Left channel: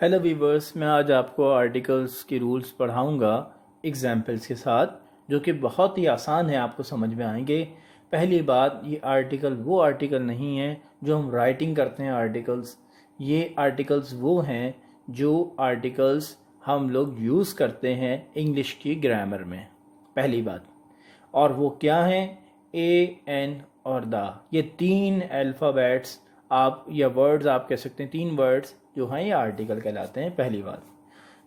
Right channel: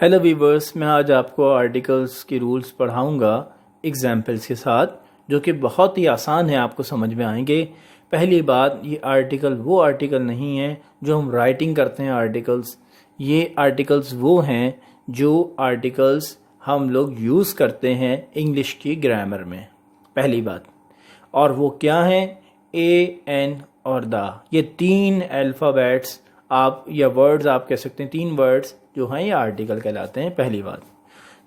Hello viewers, मैं आज आपको आर्टिकल्स के रूल्स पढ़ाऊंगा एग्जाम्पल्स के साथ, जो कि बहुत ही आसान है, आपको समझ में आएंगे। पहली बात, ये आर्टिकल वो आर्टिकल नहीं है जो हम राइटिंग करते हैं आर्टिकल्स। ये आर्टिकल्स वो हैं जो आर्टिकल्स हम लोग यूज़ करते हैं इंग्लिश की ग्रामर में। पहली बात, और वो क्या है? ए, एन और द। ये तीन अल्फ़ाबेट्स आप या वर्ड्स आप कह सकते हैं, तीन वर्ड्स जो हैं ये आर्टिकल कहलाते हैं। पहली बात।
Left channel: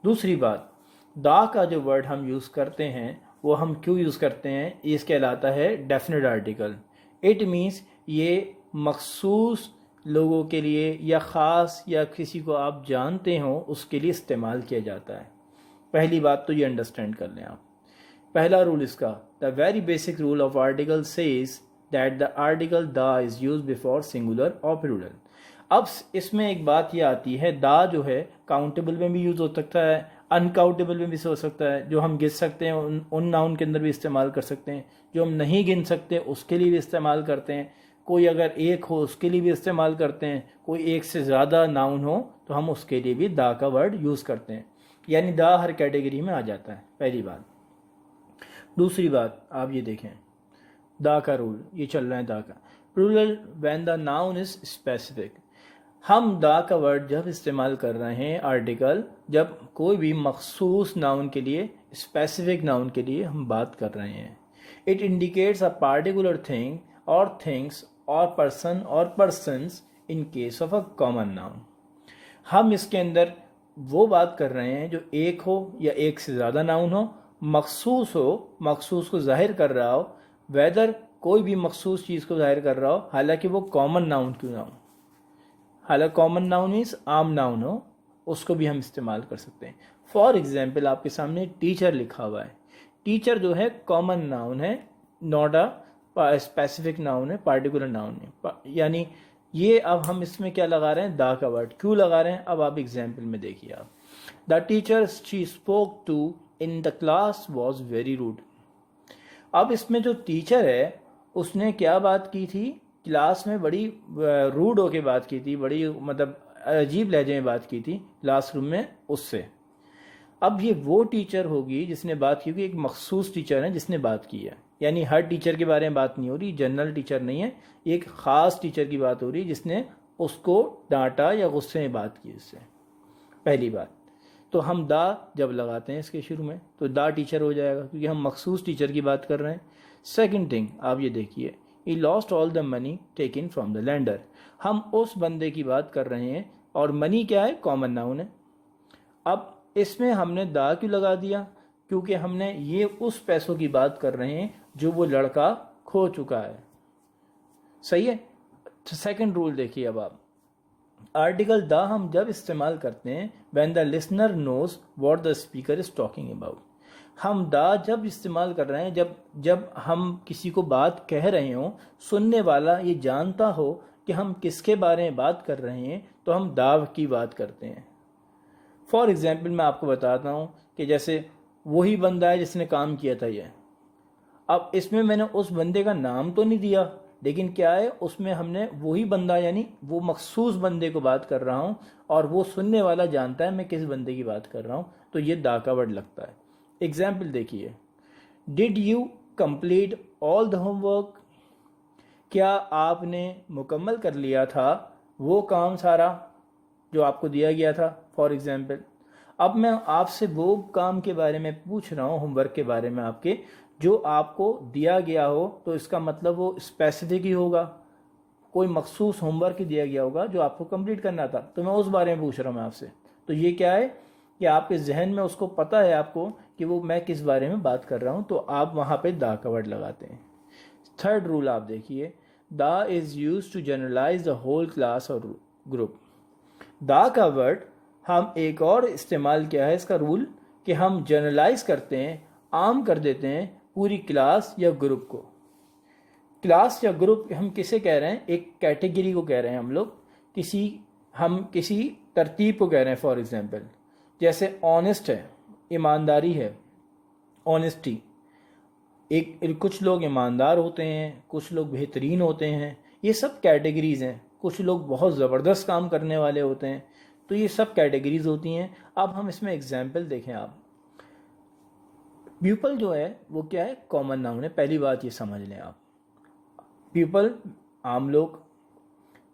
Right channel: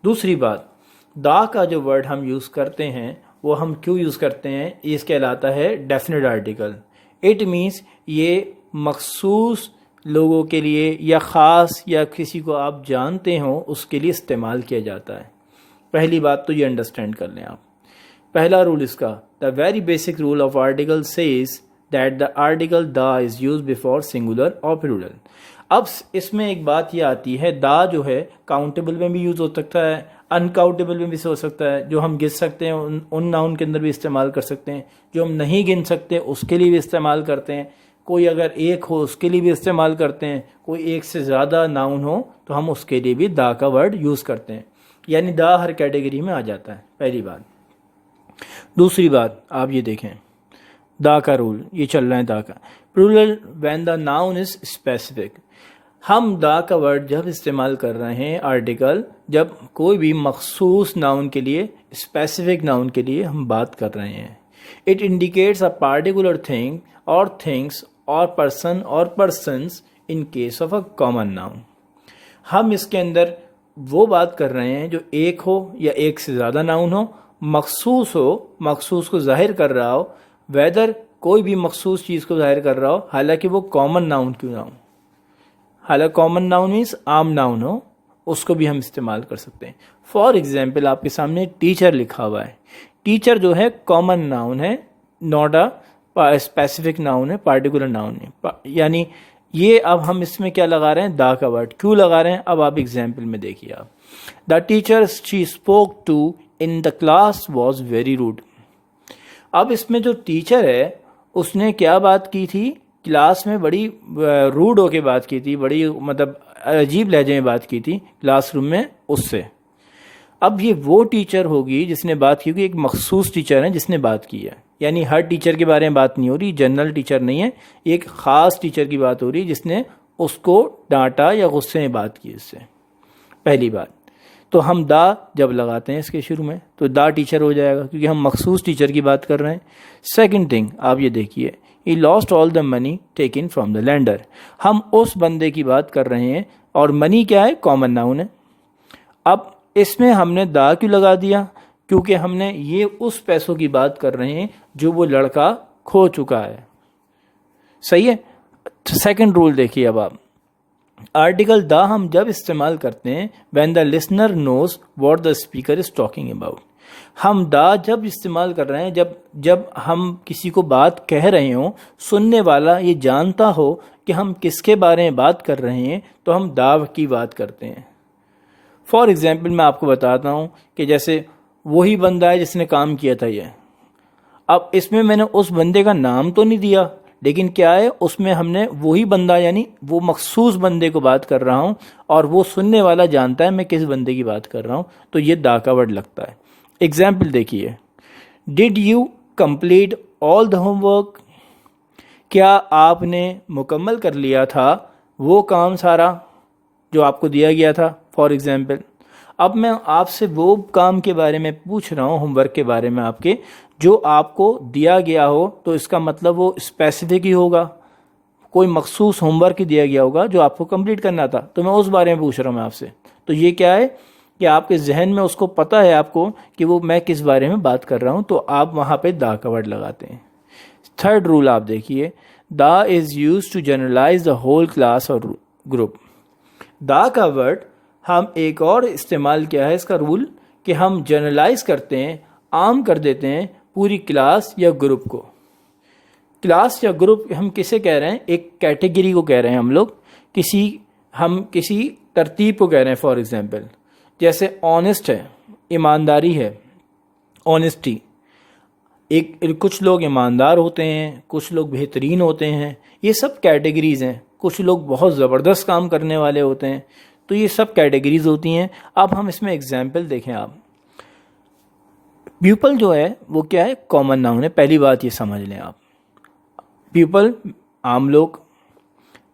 दूसरी बात, द का जो वर्ड हम यूज़ करते हैं वो हम क्यों यूज़ करते हैं? ये कहलाता है डेफिनेट आर्टिकल। इट मीन्स ये मखसूस लोगों के लिए या ख़ास या किसी को आप जानते हो उसके लिए इस्तेमाल किया जाता है। पहली बात तो ये अंडरस्टैंड कर लें आप। पहला रूल इसका, the very basic rule of article says that the article the is use before singular और प्लूरल। अब इसमें एक बात ये आती है, द जो है काउंटेबल में भी यूज़ हो सकता है, अनकाउंटेबल में भी हो सकता है। जो हम गिन सकते हैं उन नाउन के अंदर भी इस्तेमाल कर सकते हैं, जो हम नहीं गिन सकते उसके लिए भी इस्तेमाल करते हैं। कोई अगर एक हो उसके लिए भी इस्तेमाल करते हैं, कोई एक से ज़्यादा नाउन हो तो हम उसके लिए भी द का वर्ड यूज़ करते हैं। यानी द हर कैटेगरी में आ जाता है, पहली बात। दूसरी बात आप ये देखें, द का रूल ये चल रहा है, द का plural when the noun is specific. हम द का वर्ड जब इस्तेमाल कर रहे हैं आर्टिकल, जब कोई भी मखसूस नाउन के लिए, स्पेसिफिक नाउन के लिए हम बात कर रहे हैं। It indicates a particular thing और थिंग्स और पर्सन और persons in case of a common noun. हम इसके अंदर वो बात कर रहे हैं जो एक हो या एक से ज़्यादा नाउन हो, मखसूस हो, मखसूस को जाहिर कर रहा हो, वेदर कोई भी मखसूस चीज़ को जाहिर कर रहा हो, हालांकि वो कॉमन नाउन क्यों ना हो। हालांकि कॉमन नाउन मीन्स आम नाउन हो, उसको भी हम इस्तेमाल कर सकते हैं। फॉर एग्जाम्पल आपके सामने टीचर लिखा हुआ है। टीचर जो है कॉमन नाउन है, नॉट अ स्पेसिफिक नाउन है, पार्टिकुलर नाउन है। यानी ये अब हम इसमें क्या लगा रहे हैं? द का वर्ड क्यों लगा रहे हैं? अब आप एग्जाम्पल में देखिए। आप, the teacher she spoke to in the class was very rude. अब इसमें जो टीचर है उसने क्या बात की थी? क्लास में बड़ी रूड होके बात की थी, बड़ी मतलब अजीब लहजे में बात की थी क्लासरूम में उससे। अब ये वो टीचर होगी जिसने बात की होगी, एक मखसूस टीचर है जिसने बात की है। यानी हर टीचर के बारे में बात नहीं हो रही, जनरल टीचर नहीं है, एक ख़ास टीचर की बात हो रही जिसने उसको डांटा या गुस्से में बात की इससे। पहली बात तो हम द जब लगाते हैं इसके शुरू में तो द टीचर हो जाएगा, क्योंकि हम मखसूस टीचर की बात कर रहे हैं। सेकंड थिंग आप ये देखिए, he lost all the money taken from the lander. हम उस बंदे की बात कर रहे हैं और मनी क्या है? कॉमन नाउन है। अब इसमें हमने द क्यों लगा दिया? क्योंकि हमने ये उस पैसों की बात कर रहे हैं जो वो लड़का खो चुका है। सही है। सेकंड रूल देखिए अब आप, आर्टिकल द हम जब इस्तेमाल करते हैं when the listener knows what the speaker is talking about. हम द जब इस्तेमाल कर रहे हैं जब हम किसी को बात कह रहे हों, सुनने वाला ये जानता हो कि हम किसके बारे में बात कर रहे हैं, तो हम द की बात करते हैं। फॉर एग्जाम्पल मैं आपको बताता हूँ कि जैसे वही बंदा है जिसने काम किया था ये। अब इसमें मैंने उस बंदे का नाम तो नहीं दिया, लेकिन क्या है उसमें हमने वही बंदा यानी वो मखसूस बंदे को बात कर रहा हूँ और वो सुनने वाला जानता है मैं किस बंदे की बात कर रहा हूँ, तो ये द का वर्ड लगता है। एग्जाम्पल देखिए, did you complete all the homework. क्या आपने मुकम्मल कर लिया था वो काम सारा जो आपको दिया गया था? फॉर एग्जाम्पल अब मैं आपसे वो काम के बारे में पूछ रहा हूँ, होमवर्क के बारे में आपके, जो आपको दिया गया हो, तो इसका मतलब वो स्पेसिफिक ही होगा, कोई मखसूस होमवर्क ही दिया गया होगा जो आपको कंप्लीट करना था, तो मैं उस बारे में पूछ रहा हूँ मैं आपसे। तो ये क्या है कि आपके जहन में उसको पता है आपको कि वो मैं किस बारे में बात कर रहा हूँ, तो आप वहाँ पे द का वर्ड लगाते हैं। थर्ड रूल आप देखिए, the is use to generalize the whole class और ग्रुप। द का वर्ड हम एक और इस्तेमाल किया है इसका रूल कि हम जनरलाइज करते हैं, आम कर देते हैं पूरी क्लास या ग्रुप को। क्लास या ग्रुप हम किसे कह रहे हैं? एक कैटेगरी को कह रहे हैं हम लोग, हम किसी तरतीब को कह रहे हैं। फॉर एग्जांपल जैसे ऑनेस्ट है, ईमानदारी है, ऑनेस्टी। कुछ लोग ईमानदार होते हैं, कुछ लोग बेहतरीन होते हैं, ये सब कैटेगरीज हैं। कुछ लोग बहुत ज़बरदस्त काम करने वाले होते हैं, तो ये सब कैटेगरीज होती हैं। अब हम इसमें एग्जाम्पल देखें। आप पीपल जो है वो क्या है, कॉमन नाउन है, पहली बात ये समझ लें आप। पीपल आम लोग,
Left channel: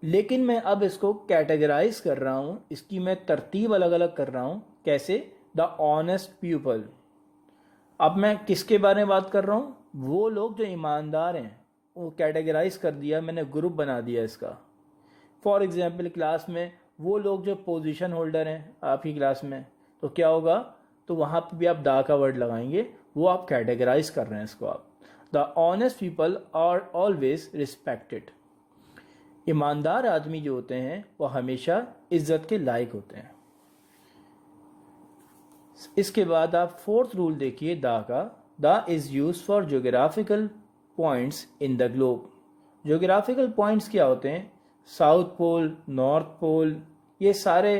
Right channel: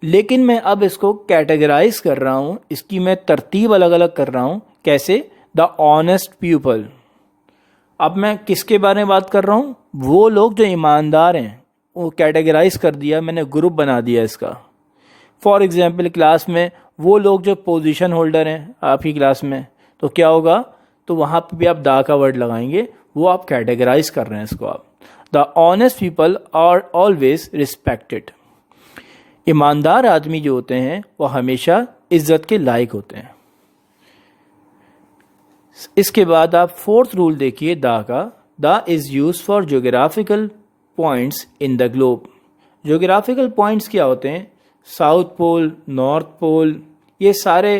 लेकिन मैं अब इसको कैटेगराइज कर रहा हूँ, इसकी मैं तरतीब अलग अलग कर रहा हूँ। कैसे? The honest people. अब मैं किसके बारे में बात कर रहा हूँ? वो लोग जो ईमानदार हैं, वो कैटेगराइज कर दिया मैंने, ग्रुप बना दिया इसका। फॉर एग्जांपल क्लास में वो लोग जो पोजीशन होल्डर हैं आपकी क्लास में, तो क्या होगा, तो वहाँ पे भी आप दा का वर्ड लगाएंगे, वो आप कैटेगराइज कर रहे हैं इसको आप। The honest people are always respected. ईमानदार आदमी जो होते हैं वो हमेशा इज्जत के लायक होते हैं। इसके बाद आप फोर्थ रूल देखिए दा का। दा is use for geographical points in the globe. Geographical points क्या होते हैं? साउथ पोल, नॉर्थ पोल, ये सारे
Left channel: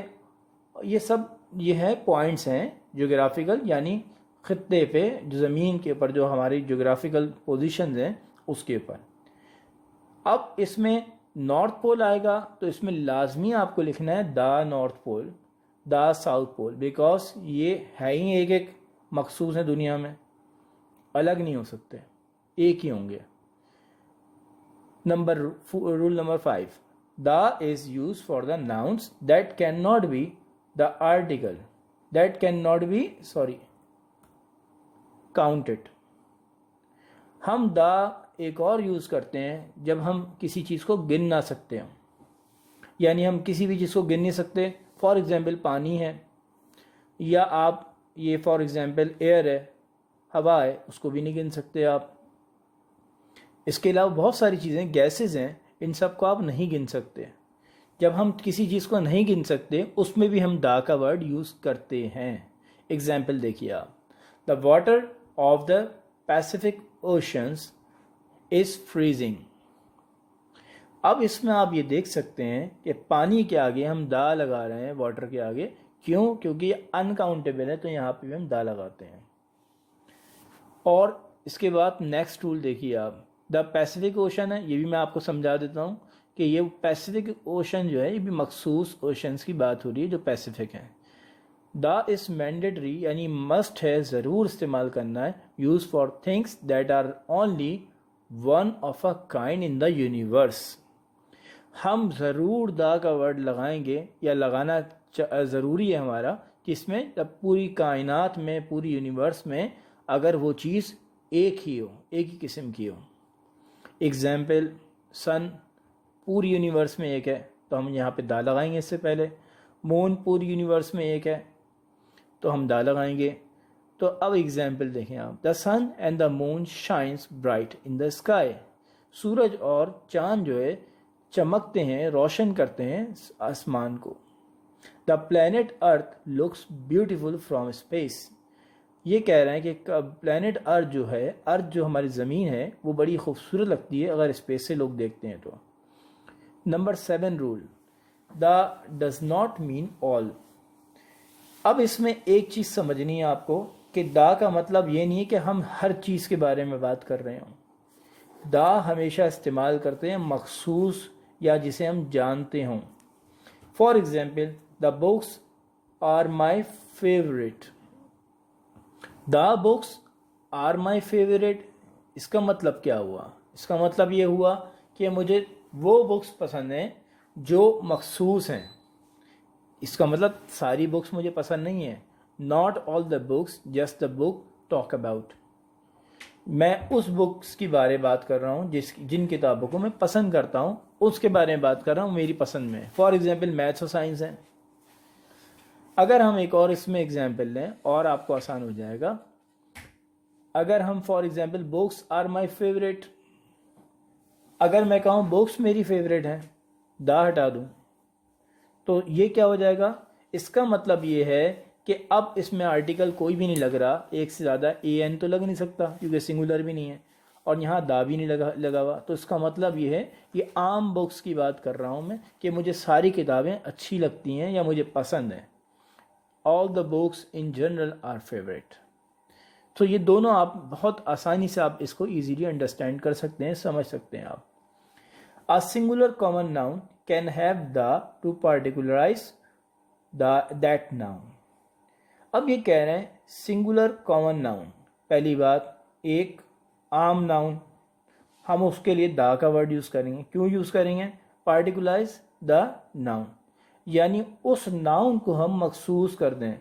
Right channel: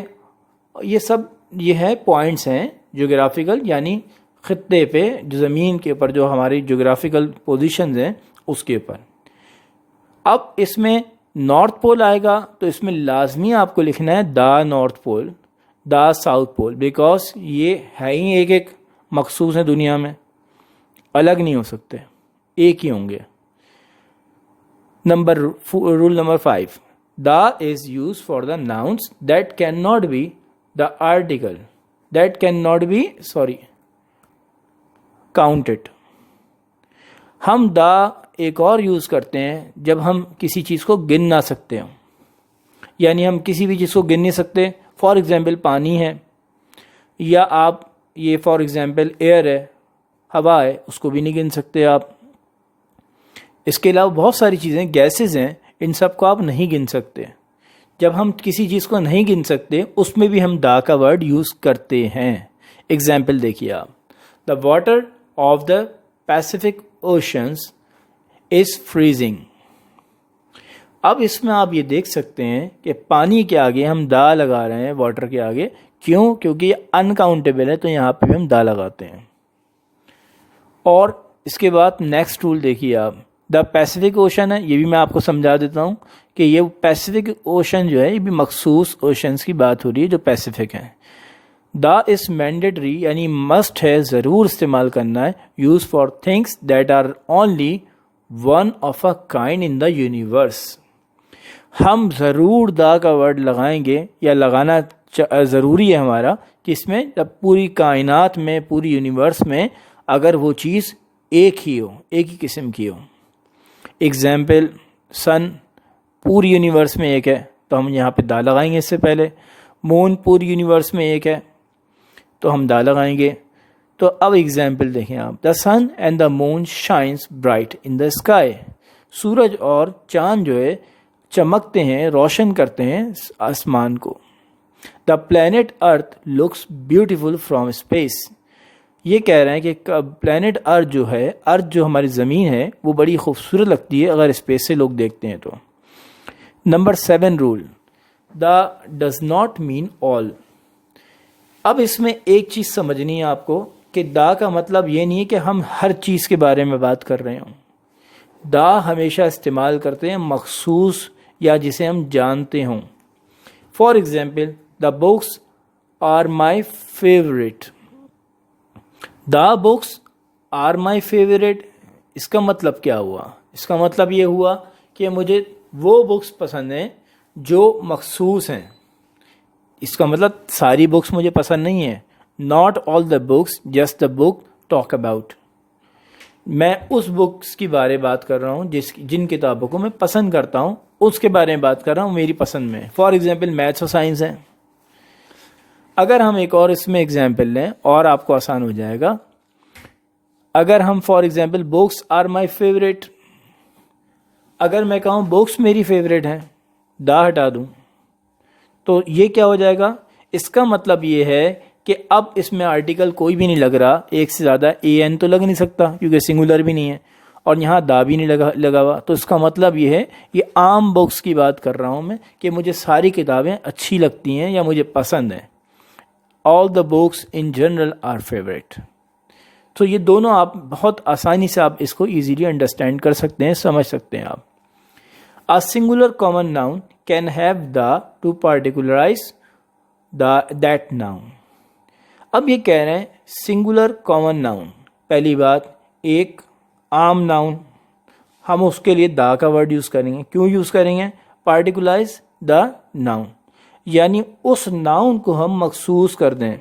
ये है पॉइंट्स हैं जोग्राफिकल, यानी ख़ित्ते पे, जो ज़मीन के ऊपर जो हमारी जोग्राफिकल पोजीशंस हैं उसके ऊपर। अब इसमें नॉर्थ पोल आएगा तो इसमें लाजमी आपको लिखना है the north pole, the south pole, because ये है ही एक एक मखसूस है दुनिया में, अलग नहीं हो सकते, एक ही होंगे। Rule number 5, the is use for the nouns that can not be the article that can not be counted. हम द एक और यूज़ करते हैं जब हम किसी चीज़ को गिन ना सकते हों, यानी हम किसी भी चीज़ को गिन नहीं सकते। फॉर एग्ज़ाम्पल पानी है, या आप ये फॉर एग्ज़ाम्पल एयर है, हवा है, उसको भी नहीं गिन सकते आप। इसके अलावा बहुत सारी चीज़ें, गैसेस हैं, इन सब को आप नहीं गिन सकते। जब हम किसी चीज़ को नहीं गिन सकते उसमें भी हम दा का वर्ड यूज़ करते हैं। एग्ज़ाम्पल देखिए आप, the water of the Pacific oceans is freezing. अब इसमें आप ये देख सकते हैं कि पानी के आगे हम दा लगा रहे हैं, वाटर के आगे, क्यों? क्योंकि ये अनकाउंटेबल है, तो यहाँ पे भी हम दा लगाते हैं। और इसके बाद नेक्स्ट रूल देखिए आप, द पैसिफिक ओशन है, ये भी मैं आपको समझा देता हूँ कि ये पैसिफिक ओशन जो है ये भी मखसूस ओशंस की बात हो रही है जो पैसिफिक है। द इज़ मैंडेटरी, यानी मस्ट है, ज़रूर इस्तेमाल करना है, use for things that are only one of a kind in the universe. हम ज़रूर दा का वर्ड लगाएंगे, या लगाना ज़रूरी है हमारा, कि इसमें जब पूरी कायनात में, पूरी यूनिवर्स में अगर वो चीज़ एक ही हो, एक ही किस्म की हो। एग्ज़ाम्पल, सन पूरी यूनिवर्स में एक है तो हम यहाँ पे दा लगाएंगे इससे पहले। मून पूरी यूनिवर्स में एक है तो हम दा लगाएंगे। तो अब एग्जाम्पल देखें आप, the sun and the moon shines bright in the sky. सूरज और चाँद जो है चमकते हैं, रोशन करते हैं आसमान को। The planet earth looks beautiful from space. ये कह रहे हैं कि प्लैनेट अर्थ जो है, अर्थ जो हमारी ज़मीन है, वो बड़ी खूबसूरत लगती है अगर स्पेस से लोग देखते हैं तो। Number 7 rule, the does not mean all. अब इसमें एक चीज़ समझनी है आपको कि दा का मतलब ये नहीं है कि हम हर चीज़ के बारे में बात कर रहे हों। दा हमेशा इस्तेमाल करते हैं मखसूस या जिसे हम जानते हों। For example, the books are my favourite. The books are my favourite, इसका मतलब क्या हुआ? इसका मतलब ये हुआ कि मुझे वो बुक्स पसंद हैं जो मखसूस हैं। इसका मतलब सारी बुक्स मुझे पसंद नहीं है। Not all the books, just the book talk about. मैं उस बुक्स की बारे बात कर रहा हूँ जिन किताबों को मैं पसंद करता हूँ, उसके बारे में बात कर रहा हूँ, मेरी पसंद में। फॉर एग्जाम्पल मैथ्स और साइंस है। अगर हम एक और इसमें एग्जाम्पल लें और आपको आसान हो जाएगा, अगर हम for example books are my favourite, अगर मैं कहूँ बुक्स मेरी फेवरेट हैं, दा हटा दूँ, तो ये क्या हो जाएगा? इसका मतलब ये है कि अब इसमें आर्टिकल कोई भी नहीं लग रहा, एक से ज़्यादा एन तो लग नहीं सकता क्योंकि सिंगुलर भी नहीं है, और यहाँ दा भी नहीं लगा हुआ। तो इसका मतलब ये है, ये आम बुक्स की बात कर रहा हूँ मैं, कि मुझे सारी किताबें अच्छी लगती हैं या मुझे पसंद हैं। All the books in general R favourite. तो ये दोनों आप बहुत आसानी से आप इसको ईजीली अंडरस्टैंड कर सकते हैं, समझ सकते हैं आप। A singular common noun can have the to particularize that noun. अब ये कह रहे हैं सिंगुलर कॉमन नाउन। पहली बात, एक आम नाउन, हम उसके लिए दा का वर्ड यूज़ करेंगे। क्यों यूज़ करेंगे? पार्टिकुलाइज द नाउन, यानी उस नाउन को हम मखसूस कर दें,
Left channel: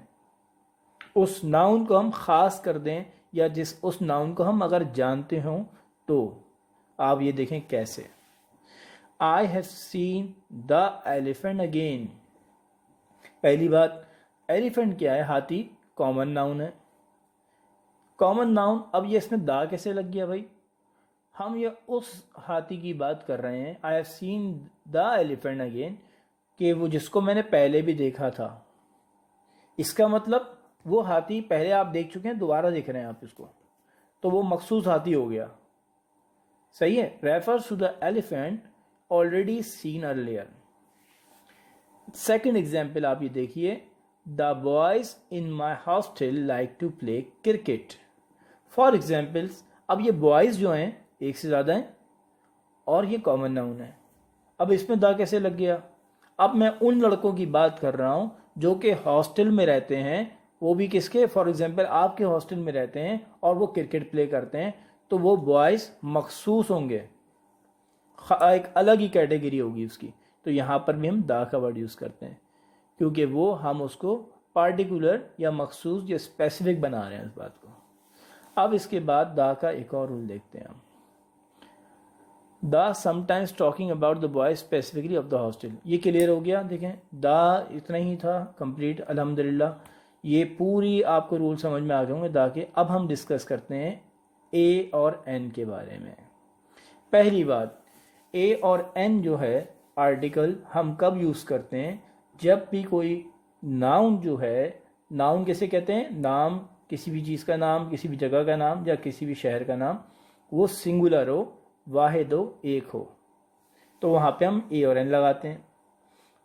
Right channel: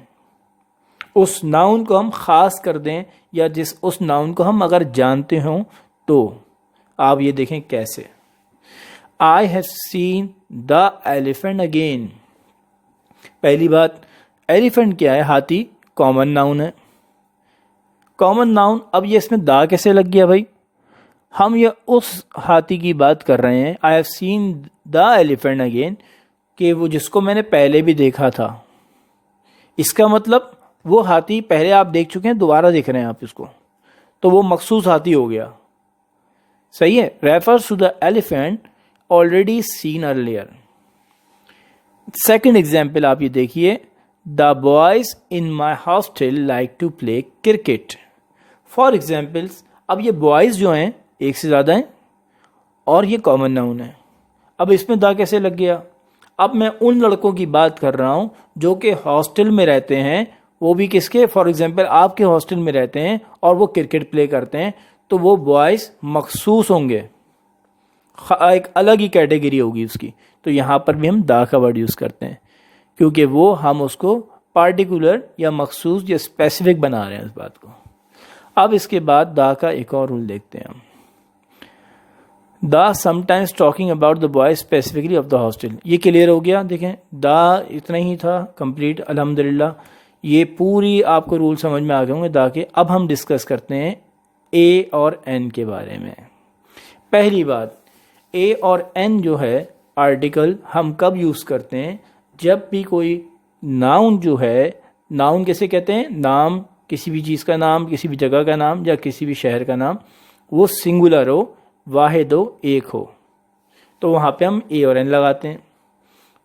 उस नाउन को हम ख़ास कर दें, या उस नाउन को हम अगर जानते हों तो। आप ये देखें कैसे। I have seen the elephant again. पहली बात, एलिफेंट क्या है? हाथी, कॉमन नाउन है। कॉमन नाउन, अब ये इसमें दा कैसे लग गया भाई? हम ये उस हाथी की बात कर रहे हैं, I have seen the elephant again, कि वो जिसको मैंने पहले भी देखा था। इसका मतलब वो हाथी पहले आप देख चुके हैं, दोबारा देख रहे हैं आप इसको, तो वो मखसूस हाथी हो गया। सही है। Refers to the elephant already seen earlier. Second example आप ये देखिए, the boys in my hostel like to play cricket. For examples, अब ये बॉयज़ जो हैं एक से ज़्यादा हैं और ये कॉमन नाउन है। अब इसमें दा कैसे लग गया? अब मैं उन लड़कों की बात कर रहा हूँ जो कि हॉस्टल में रहते हैं, वो भी किसके? फॉर एग्जांपल आपके हॉस्टल में रहते हैं और वो क्रिकेट प्ले करते हैं, तो वो बॉयज़ मखसूस होंगे, एक अलग ही कैटेगरी होगी उसकी। तो यहाँ पर भी हम दा का वर्ड यूज़ करते हैं, क्योंकि वो हम उसको पार्टिकुलर या मखसूस या स्पेसिफिक बना रहे हैं इस बात को। अब इसके बाद दा का एक और रूल देखते हैं हम। दा sometimes talking about the boy specifically of the hostel. ये क्लियर हो गया। देखें, दा इतना ही था कंप्लीट। अल्हम्दुलिल्लाह ये पूरी आपको रूल समझ में आ गए होंगे दा के। अब हम डिस्कस करते हैं ए और एन के बारे में। पहली बात, ए और एन जो है आर्टिकल हम कब यूज़ करते हैं? जब भी कोई नाउन जो है, नाउन कैसे कहते हैं? नाम, किसी भी चीज़ का नाम, किसी भी जगह का नाम या किसी भी शहर का नाम, वो सिंगुलर हो, वाहिद हो, एक हो, तो वहाँ पे हम ए और एन लगाते हैं।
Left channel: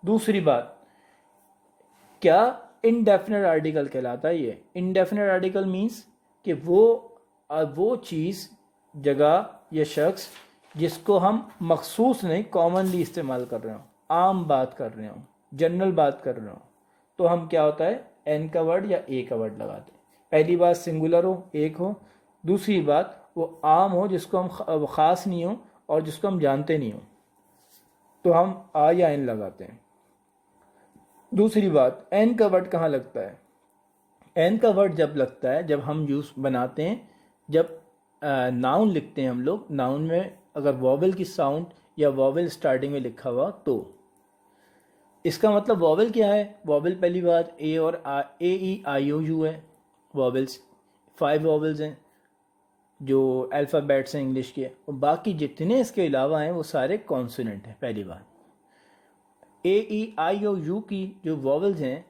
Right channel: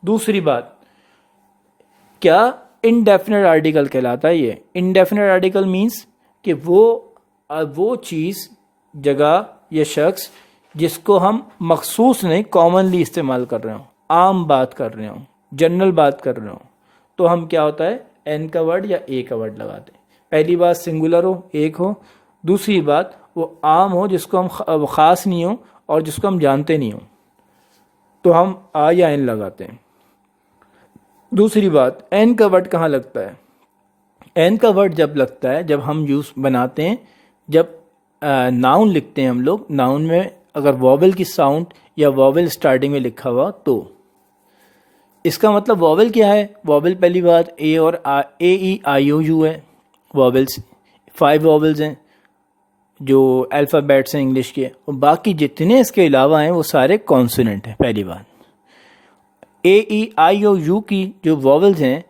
दूसरी बात, क्या इनडेफिनेट आर्टिकल कहलाता है ये। इनडेफिनेट आर्टिकल मीन्स कि वो चीज़, जगह या शख्स जिसको हम मखसूस नहीं कॉमनली इस्तेमाल कर रहे हो, आम बात कर रहे हो, जनरल बात कर रहे हो, तो हम क्या होता है? एन का वर्ड या ए का वर्ड लगाते हैं। पहली बात सिंगुलर हो, एक हो। दूसरी बात वो आम हो, जिसको हम ख़ास नहीं हो और जिसको हम जानते नहीं हो, तो हम आ या एन लगाते हैं। दूसरी बात, एन का वर्ड कहाँ लगता है? एन का वर्ड जब लगता है, जब हम यूज़ बनाते हैं, जब नाउन लिखते हैं हम लोग, नाउन में अगर वॉवल की साउंड या वॉवल स्टार्टिंग में लिखा हुआ, तो इसका मतलब वॉवल क्या है? वॉवल पहली बात ए और ए ई आई ओ यू है। वॉवल्स 5 वॉवल्स हैं जो अल्फ़ाबेट्स हैं इंग्लिश के, और बाकी जितने इसके अलावा हैं वो सारे कॉन्सोनेंट हैं। पहली बात, ए ई आई ओ यू की जो वॉवल्स हैं,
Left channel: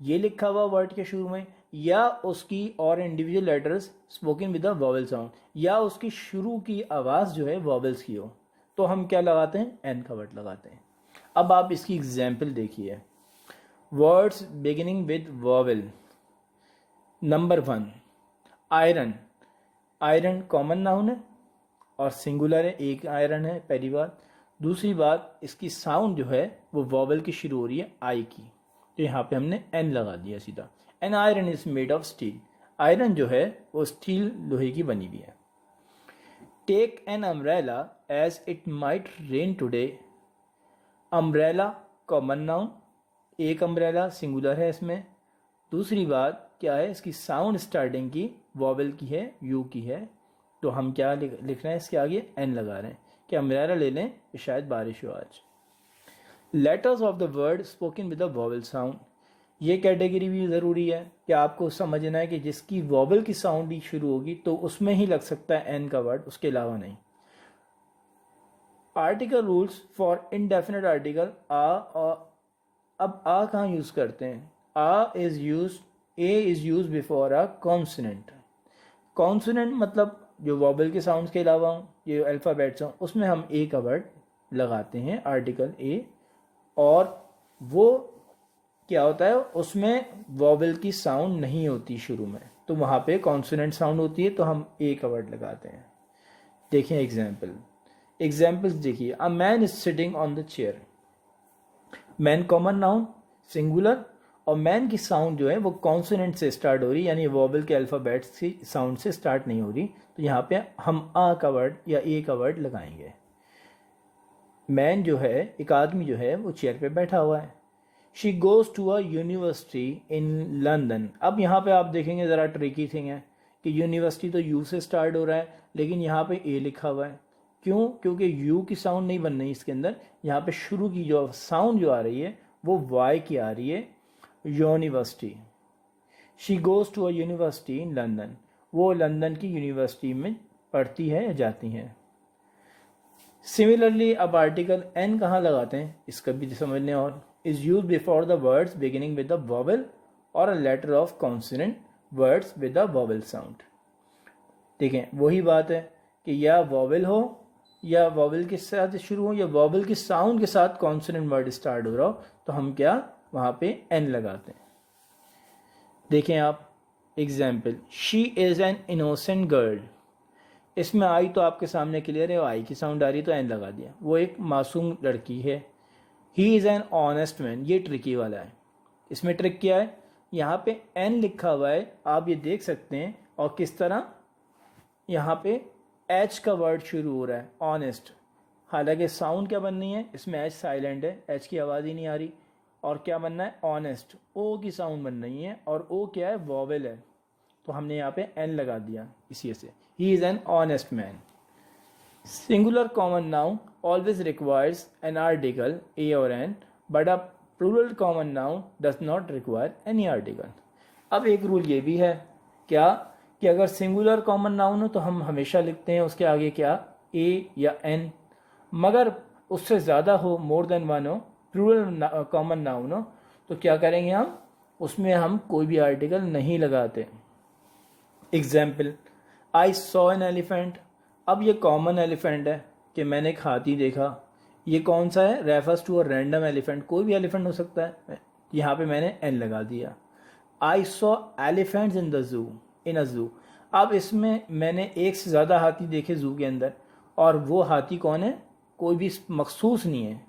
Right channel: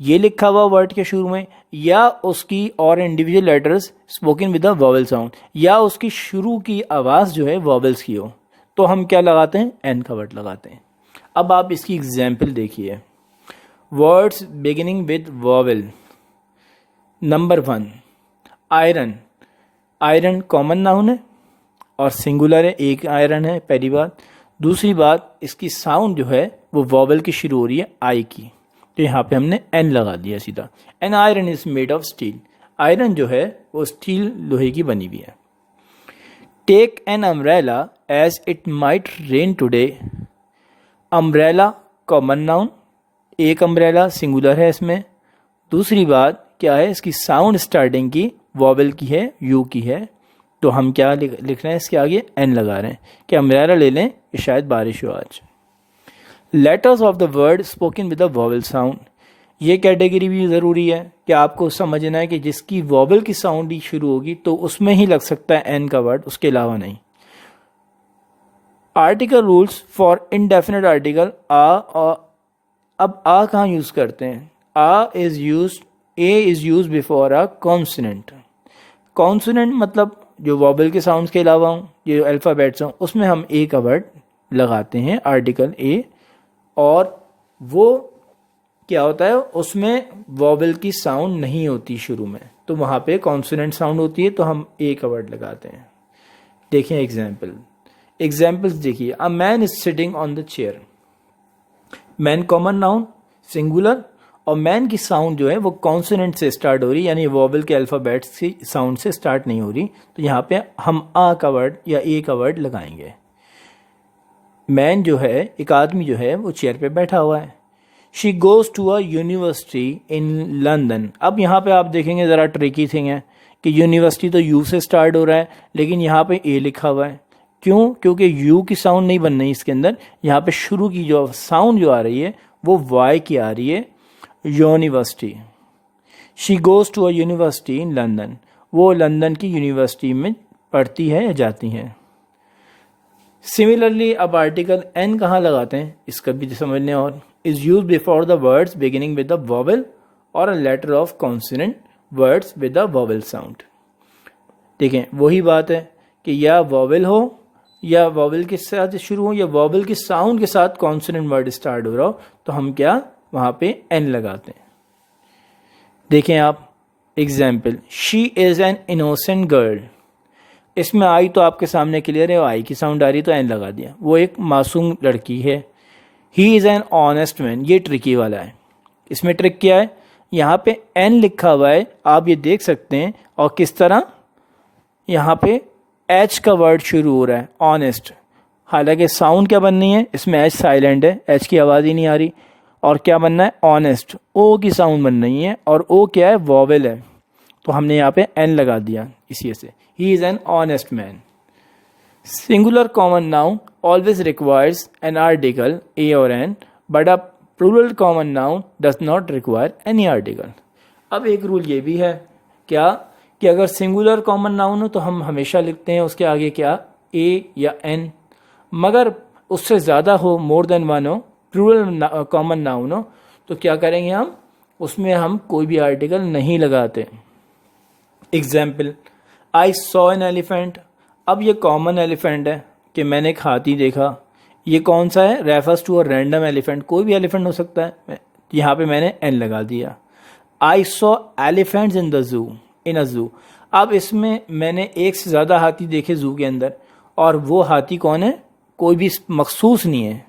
ये लिखा हुआ वर्ड के शुरू में, या उसकी और individual letters spoken with a vowel sound, या उसकी शुरू की आवाज़ जो है वॉवल्स की हो, तो हम क्या लगाते हैं? एन का वर्ड लगाते हैं। अब आप इसकी एग्जाम्पल देखिए। Words beginning with vowel. Number 1, iron. Iron common noun है और सिंगुलर है, एक आयरन है, पहली बात। दूसरी बात, इसकी साउंड जो है वो वॉवल की शुरू हो रही है आई की, तो यहाँ पे हमने एन लगा दिया सीधा। An iron is made of steel. Iron जो है वो स्टील, लोहे की बनी हुई है। Take an umbrella as it might rain today. Umbrella common noun, एक अम्ब्रेला सिंगुलर है इसमें। दूसरी बात क्या है? इसकी साउंड स्टार्टिंग की वॉवल की है, यू की है, तो हम क्या लिख रहे हैं? इसके आगे एन लगा रहे हैं कि अम्ब्रेला ले लें कि शायद बारिश हो आज। Letters of the word spoken with the vowel sound. ये कैटेगरी भी ज़रूरी है कि आपको समझना है कि जिसकी वॉवल की साउंड ही शुरू होगी तो उसमें ही लग सकता है एन का वर्ड, उसके अलावा नहीं। Article rules for indefinite article a. अब आ कहाँ यूज़ करते हैं? A is use, a is use before a consonant. Consonant मतलब जो वॉवल के साउंड्स के अलावा हों, जो अल्फ़ाबेट्स हों, उसमें हम ए का वर्ड लगाते हैं, आर्टिकल ए। और वो क्या होता है? उसमें वॉवल की साउंड नहीं होती शुरू में, तो वहाँ पे कॉन्सोनेंट साउंड होती है, तो हम ए का वर्ड लगाते हैं। देखें एग्जाम्पल्स देखिए। A man is sitting on the chair. Man common noun singular और मैन की साउंड जो है वो कॉन्सोनेंट से स्टार्ट हो रही, यानी वोवल के अल्फ़ाबेट से साउंड से स्टार्ट नहीं हो रही, तो यहाँ पे हम आ का वर्ड या ए का वर्ड लगाएंगे। मैन जो है, एक आदमी जो है वो चेयर पे बैठा हुआ है। She goes to a university in London. अब यहाँ पे आप देखेंगे ज़रा ट्रिकी थिंग है कि यूनिवर्सिटी तो यू से स्टार्ट हो रहा है, लेकिन यहाँ पे ए लिखा हुआ है। क्यों? क्योंकि यू की साउंड नहीं बन रही इसके अंदर। यहाँ पे शुरू की जो साउंड जो आ रही है वो वाई की आ रही है, university. She goes to a university in London. वो लंदन की यूनिवर्सिटी में पढ़ती है या जाती हैं। सिमिलरली अब आर्टिकल एन कहाँ लगाते हैं इसका भी समझने, और is use before the words beginning with the vowel और a letter of consonant words with the vowel sound. देखें वही बात है कि या वॉवल हो या वॉवल के साथ शुरू हो या वॉवल के साउंड के साथ कॉन्सोनेंट वर्ड स्टार्ट हो रहा हो, तो हम क्या वहाँ पे एन लगाते हैं। देखें आप example, she is an innocent girl. इसमें आई तो आपके सामने क्लियर है, आई की साउंड आ रही तो एन लगा दिया, वो एक मासूम लड़की है। ही इज़ एन ऑनेस्ट मैन, ये ट्रिकी वाला है। इसमें ट्रिक क्या है, यहाँ पे एन लिखा हुआ है, आप ये देख सकते हैं, और किस तरह यहाँ पे एच का वर्ड शुरू हो रहा है, ऑनेस्ट। हालांकि साउंड क्या बननी है, इसमें एच साइलेंट है, एच की आवाज़ ही नहीं आ रही, और क्या बनना है, ऑनेस्ट, ओ की साउंड बन रही है, और ओ क्या है, वॉवेल है, तो हमने यहाँ पे एन लगा दिया इसी से। He is an honest man. Singular common noun always requires an article a और an, but a plural common noun does not require any article. अब एक रूल ये भी है क्या कि अगर सिंगुलर कॉमन नाउन हो तो हम हमेशा लिखते हैं उसके आगे क्या, ए या एन, मगर उससे ज़्यादा हो, मोर देन वन हो, प्लूरल कॉमन नाउन हो, तो क्या करेंगे हम, उसमें हम कोई भी आर्टिकल नहीं लगाते। Example, I saw an elephant. अब ये कॉमन एलिफेंट है कि मैंने एक हाथी देखा, ये कौन सा है, refers to a random elephant, कोई भी एलिफेंट हो सकता है, यहाँ पे मैंने एन लगा दिया। I saw elephants in the zoo, इन अ जू। अब इसमें मैंने एक से ज़्यादा हाथी देखे जू के अंदर, और वो हाथी कौन है, कोई भी मखसूस नहीं है,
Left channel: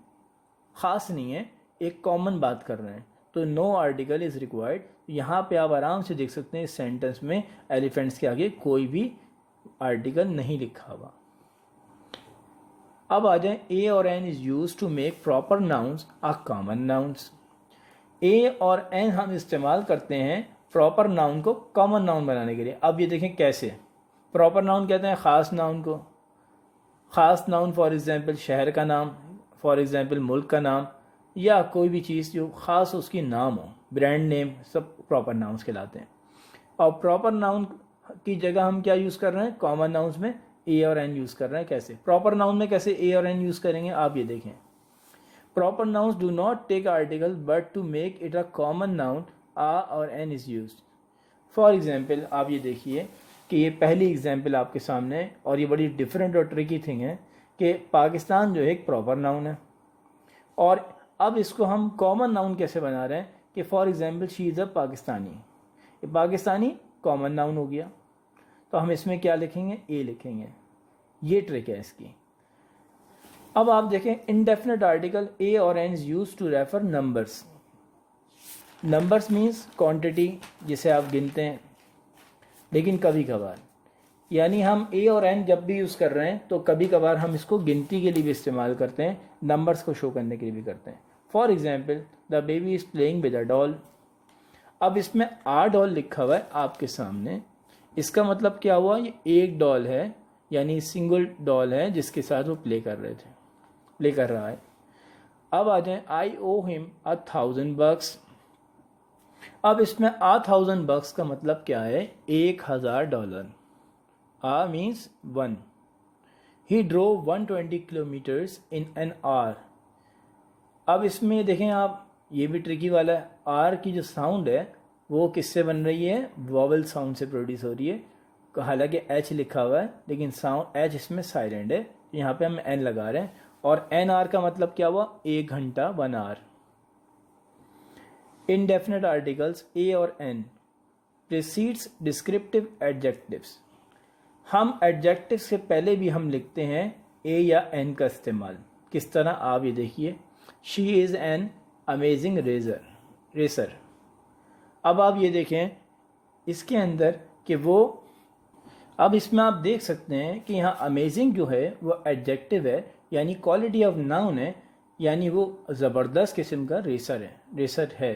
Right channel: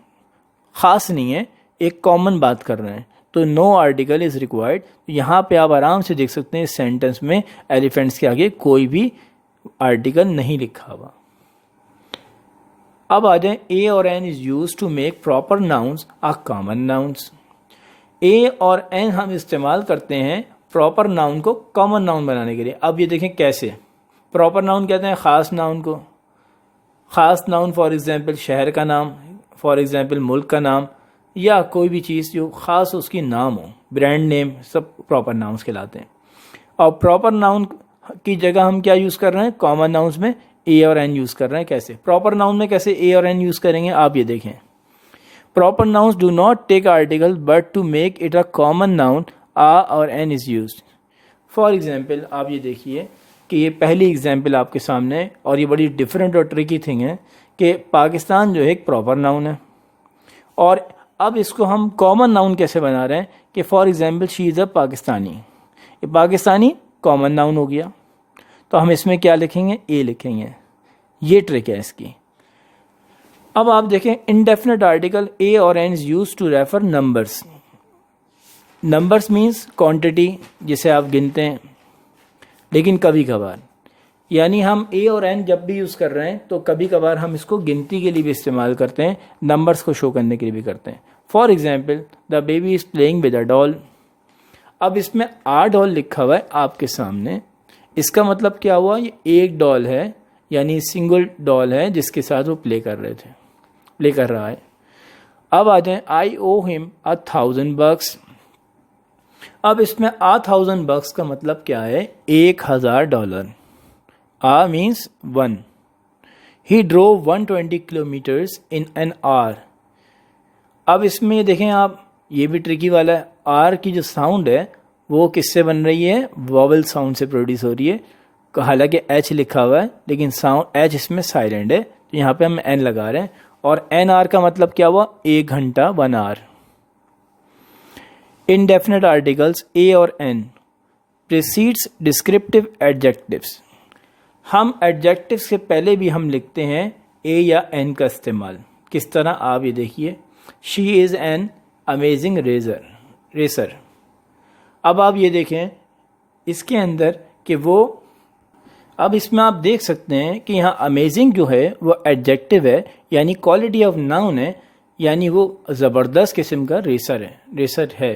ख़ास नहीं है, एक कॉमन बात कर रहे हैं, तो नो आर्टिकल इज़ रिक्वायर्ड। यहाँ पे आप आराम से देख सकते हैं इस सेंटेंस में एलिफेंट्स के आगे कोई भी आर्टिकल नहीं लिखा हुआ। अब आ जाए, ए और an is use to make proper nouns a common nouns. ए और एन हम इस्तेमाल करते हैं प्रॉपर नाउन को कॉमन नाउन बनाने के लिए। अब ये देखें कैसे। प्रॉपर नाउन कहते हैं ख़ास नाउन को, ख़ास नाउन फॉर एग्जांपल शहर का नाम, फॉर एग्जांपल मुल्क का नाम, या कोई भी चीज़ जो ख़ास उसकी नाम हो, ब्रांड नेम, सब प्रॉपर नाउन्स कहलाते हैं। और प्रॉपर नाउन की जगह हम क्या यूज़ कर रहे हैं, कॉमन नाउन्स में ए और एन यूज़ कर रहे हैं। कैसे प्रॉपर नाउन में कैसे ए और एन यूज़ करेंगे, आप ये देखें। Proper nouns do not take article but to make it a common noun a और an is use. For example, आप ये देखिए कि ये पहली एग्जाम्पल आपके सामने है, और ये बड़ी डिफरेंट और ट्रिकी थिंग है कि पाकिस्तान जो है एक प्रॉपर नाउन है, और अब इसको हम कॉमन नाउन कैसे बना रहे हैं कि for example she is a Pakistani, ये पाकिस्तानी कॉमन नाउन हो गया, तो हम इसमें क्या लिखेंगे, ए लिखेंगे। ये ट्रिक है इसकी। अब आप देखें, इनडेफिनेट आर्टिकल ए और an is use to refer numbers. Numbers means quantity, जिसे आप गिनते हैं, लेकिन कभी कभार, यानी हम ए और एन जब भी यूज़ कर रहे हैं तो कभी कभार हम इसको गिनती के लिए भी इस्तेमाल करते हैं, नंबर्स को शो करने के लिए भी करते हैं। For example, the baby is playing with a doll. अब इसमें आ डॉल लिखा हुआ है आपके सामने, इसका मतलब क्या हुआ, ये एक डॉल है, यानी सिंगल डॉल है जिसके साथ वो प्ले कर रहा है। अब आ जाए, आई ओ हिम $1,000। अब इसमें $1,000 का मतलब क्या है, $1,000। A means 1। He drove 120 kilometres in an hour. अब इसमें देखें आप, ये भी ट्रिकी वाला है, आर की जो साउंड है वो किससे बन रही है, वॉवल साउंड से प्रोड्यूस हो रही है। हालांकि एच लिखा हुआ है लेकिन साउंड एच इसमें साइलेंट है, तो यहाँ पे हम एन लगा रहे हैं, और एन आर का मतलब क्या हुआ, 1 घंटा, 1 आवर। इनडेफिनेट आर्टिकल्स ए और एन प्रीसीड्स डिस्क्रिप्टिव एडजेक्टिव्स। हम एडजेक्टिव्स से पहले भी हम लिखते हैं ए या एन का इस्तेमाल। किस तरह, आप ये देखिए, she is an amazing racer. अब आप ये देखें इसके अंदर कि वो, अब इसमें आप देख सकते हैं कि यहाँ अमेजिंग जो है वो एडजेक्टिव है, यानी क्वालिटी ऑफ नाउन है, यानी वो ज़बरदस्त किस्म का रेसर है।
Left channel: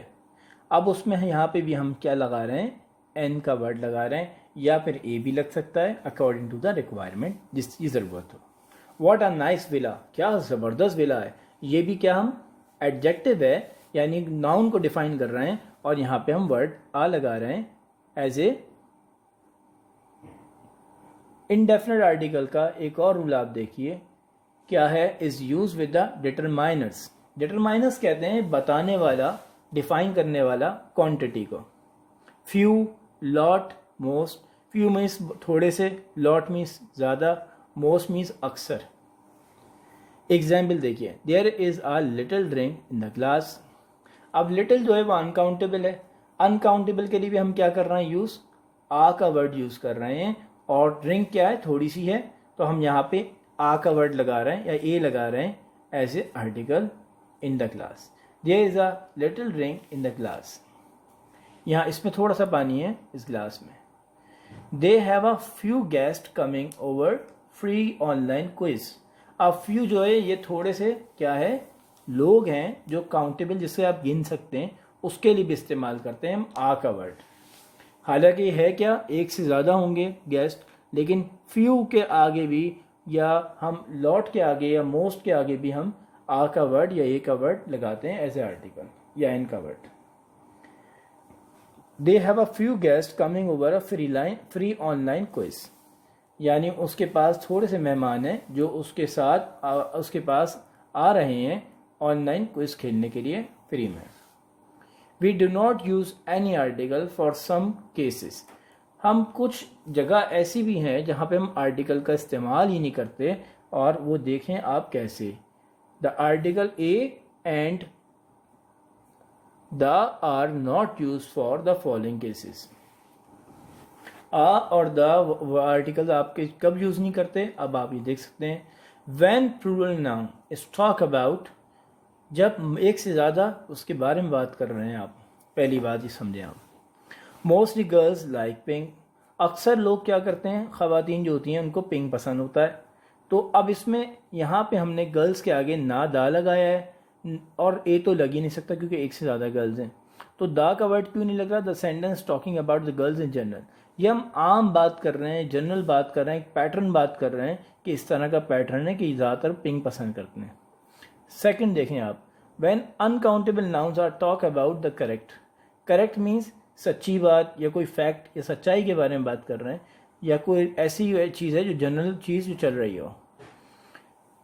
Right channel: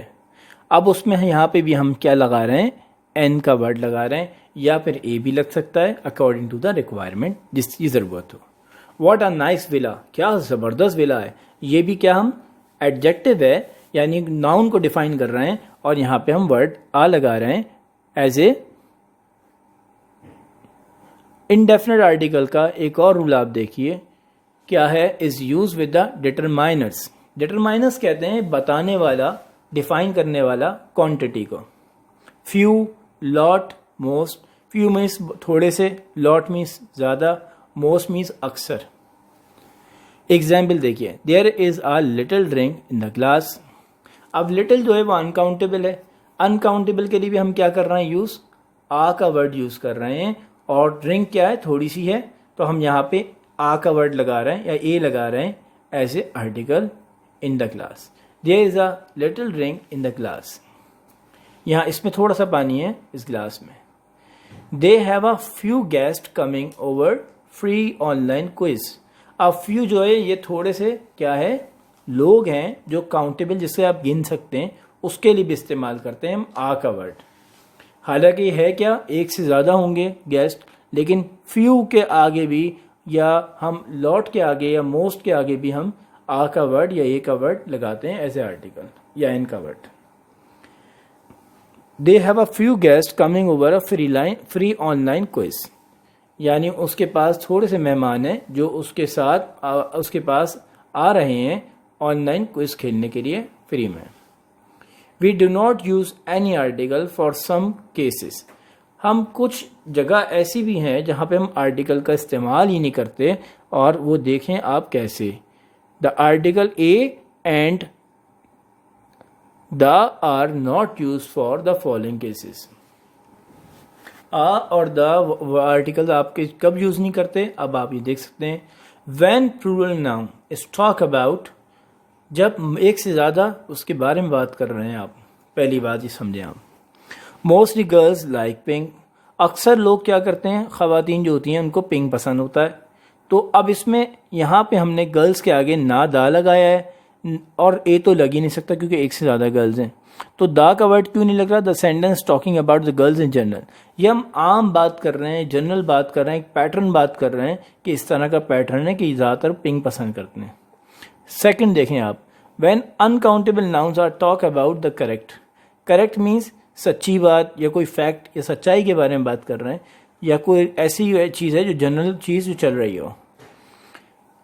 अब उसमें यहाँ पे भी हम क्या लगा रहे हैं, एन का वर्ड लगा रहे हैं, या फिर ए भी लग सकता है अकॉर्डिंग टू द रिक्वायरमेंट जिसकी ज़रूरत हो। व्हाट अ नाइस विला, क्या ज़बरदस्त विला है, ये भी क्या हम एडजेक्टिव है, यानी नाउन को डिफाइन कर रहे हैं, और यहाँ पे हम वर्ड आ लगा रहे हैं एज ए इंडेफिनिट आर्टिकल का एक और रूल आप देखिए क्या है, is use with the determiners. Determiners कहते हैं बताने वाला, डिफाइन करने वाला क्वांटिटी को। Few, lot, most. Few means थोड़े से, लॉट मीन्स ज़्यादा, मोस्ट मीन्स अक्सर। एग्जाम्पल देखिए, there is a little drink in the glass. अब लिटिल जो है वो अनकाउंटेबल है, अनकाउंटेबल के लिए भी हम क्या कर रहे हैं, यूज़ आ का वर्ड यूज़ कर रहे हैं, और ड्रिंक क्या है, थोड़ी सी है, तो हम यहाँ पे आ का वर्ड लगा रहे हैं या ए लगा रहे हैं as a article in the glass. There is a little drink in the glass, यहाँ इसमें थोड़ा सा पानी है इस ग्लास में। They have a few guest coming over free online quiz. अब फ्यू जो है ये थोड़े से क्या है, लोग हैं जो काउंटेबल, जिससे आप गिन सकते हैं, उसके लिए भी इस्तेमाल करते हैं हम आ का वर्ड। हालांकि है क्या, एक से ज़्यादा होंगे गेस्ट, लेकिन फ्यू के आगे भी, या हम लॉट के आगे या मोस्ट के आगे भी हम आ का वर्ड या ए का वर्ड लगाते हैं एज ए आर्टिकल, या एन का word. They have a few guest coming over a free online quiz, यानी उसके पास थोड़े से मेहमान हैं जो उसके साथ उसके पास आ रहे हैं ऑनलाइन क्विज खेलने के लिए फ्री में। We do not use any article for some cases. हम कुछ जगह ऐसी भी हैं जहाँ पे हम आर्टिकल का इस्तेमाल ही नहीं करते, और वो देखें आप कैसे। The article a and the are not use for the following cases. A और द आर्टिकल आपके कब यूज़ नहीं करते, अब आप ये देख सकते हैं। When plural noun is talk about, जब एक से ज़्यादा उसके बारे में बात कर रहे हैं आप, पहली बात ये समझें आप। मोस्टली गर्ल्स लाइक पिंक, अक्सर लोग क्या करते हैं, ख़वातीन जो होती हैं उनको पिंक पसंद होता है। तो अब इसमें यहाँ पे हमने गर्ल्स के आगे ना दा लगाया है, और ए तो लग ही नहीं सकता क्योंकि एक से ज़्यादा गर्ल्स हैं, तो दा का वर्ड क्यों नहीं लग रहा। The sentence talking about the girls in general, ये हम आम बात कर रहे हैं, जनरल बात कर रहे हैं, एक पैटर्न बात कर रहे हैं कि इस तरह का पैटर्न है कि ज़्यादातर पिंक पसंद करते हैं। सेकंड देखें आप, when uncountable nouns are talk about the correct. Correct means सच्ची बात या कोई फैक्ट या सच्चाई के बारे में बात कर रहे हैं, या कोई ऐसी चीज़ है जो जनरल चीज़ जो चल रही हो।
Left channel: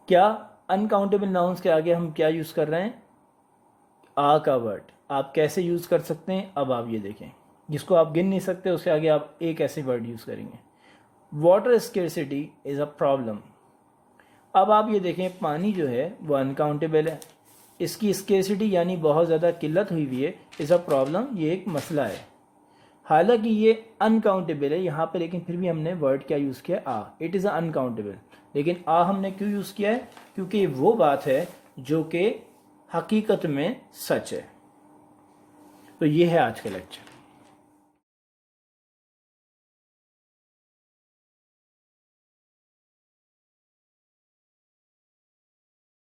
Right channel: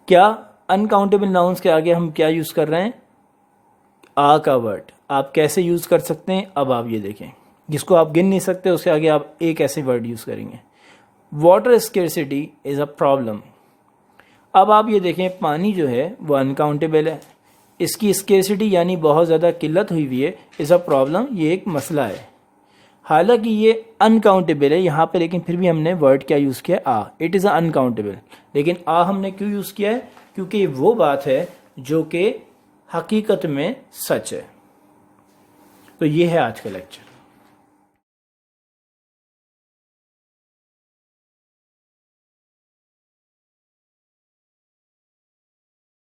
क्या अनकाउंटेबल नाउन्स के आगे हम क्या यूज़ कर रहे हैं, आ का वर्ड। आप कैसे यूज़ कर सकते हैं, अब आप ये देखें, जिसको आप गिन नहीं सकते उसके आगे आप एक ऐसे वर्ड यूज़ करेंगे। Water scarcity is a problem. अब आप ये देखें, पानी जो है वो अनकाउंटेबल है, इसकी स्केर्सिटी यानी बहुत ज़्यादा किल्लत हुई हुई है, इज़ अ प्रॉब्लम, ये एक मसला है। हालांकि ये अनकाउंटेबल है यहाँ पे, लेकिन फिर भी हमने वर्ड क्या यूज़ किया, आ। इट इज़ अनकाउंटेबल, लेकिन आ हमने क्यों यूज़ किया है, क्योंकि वो बात है जो कि हकीकत में सच है। तो ये है आज का लेक्चर।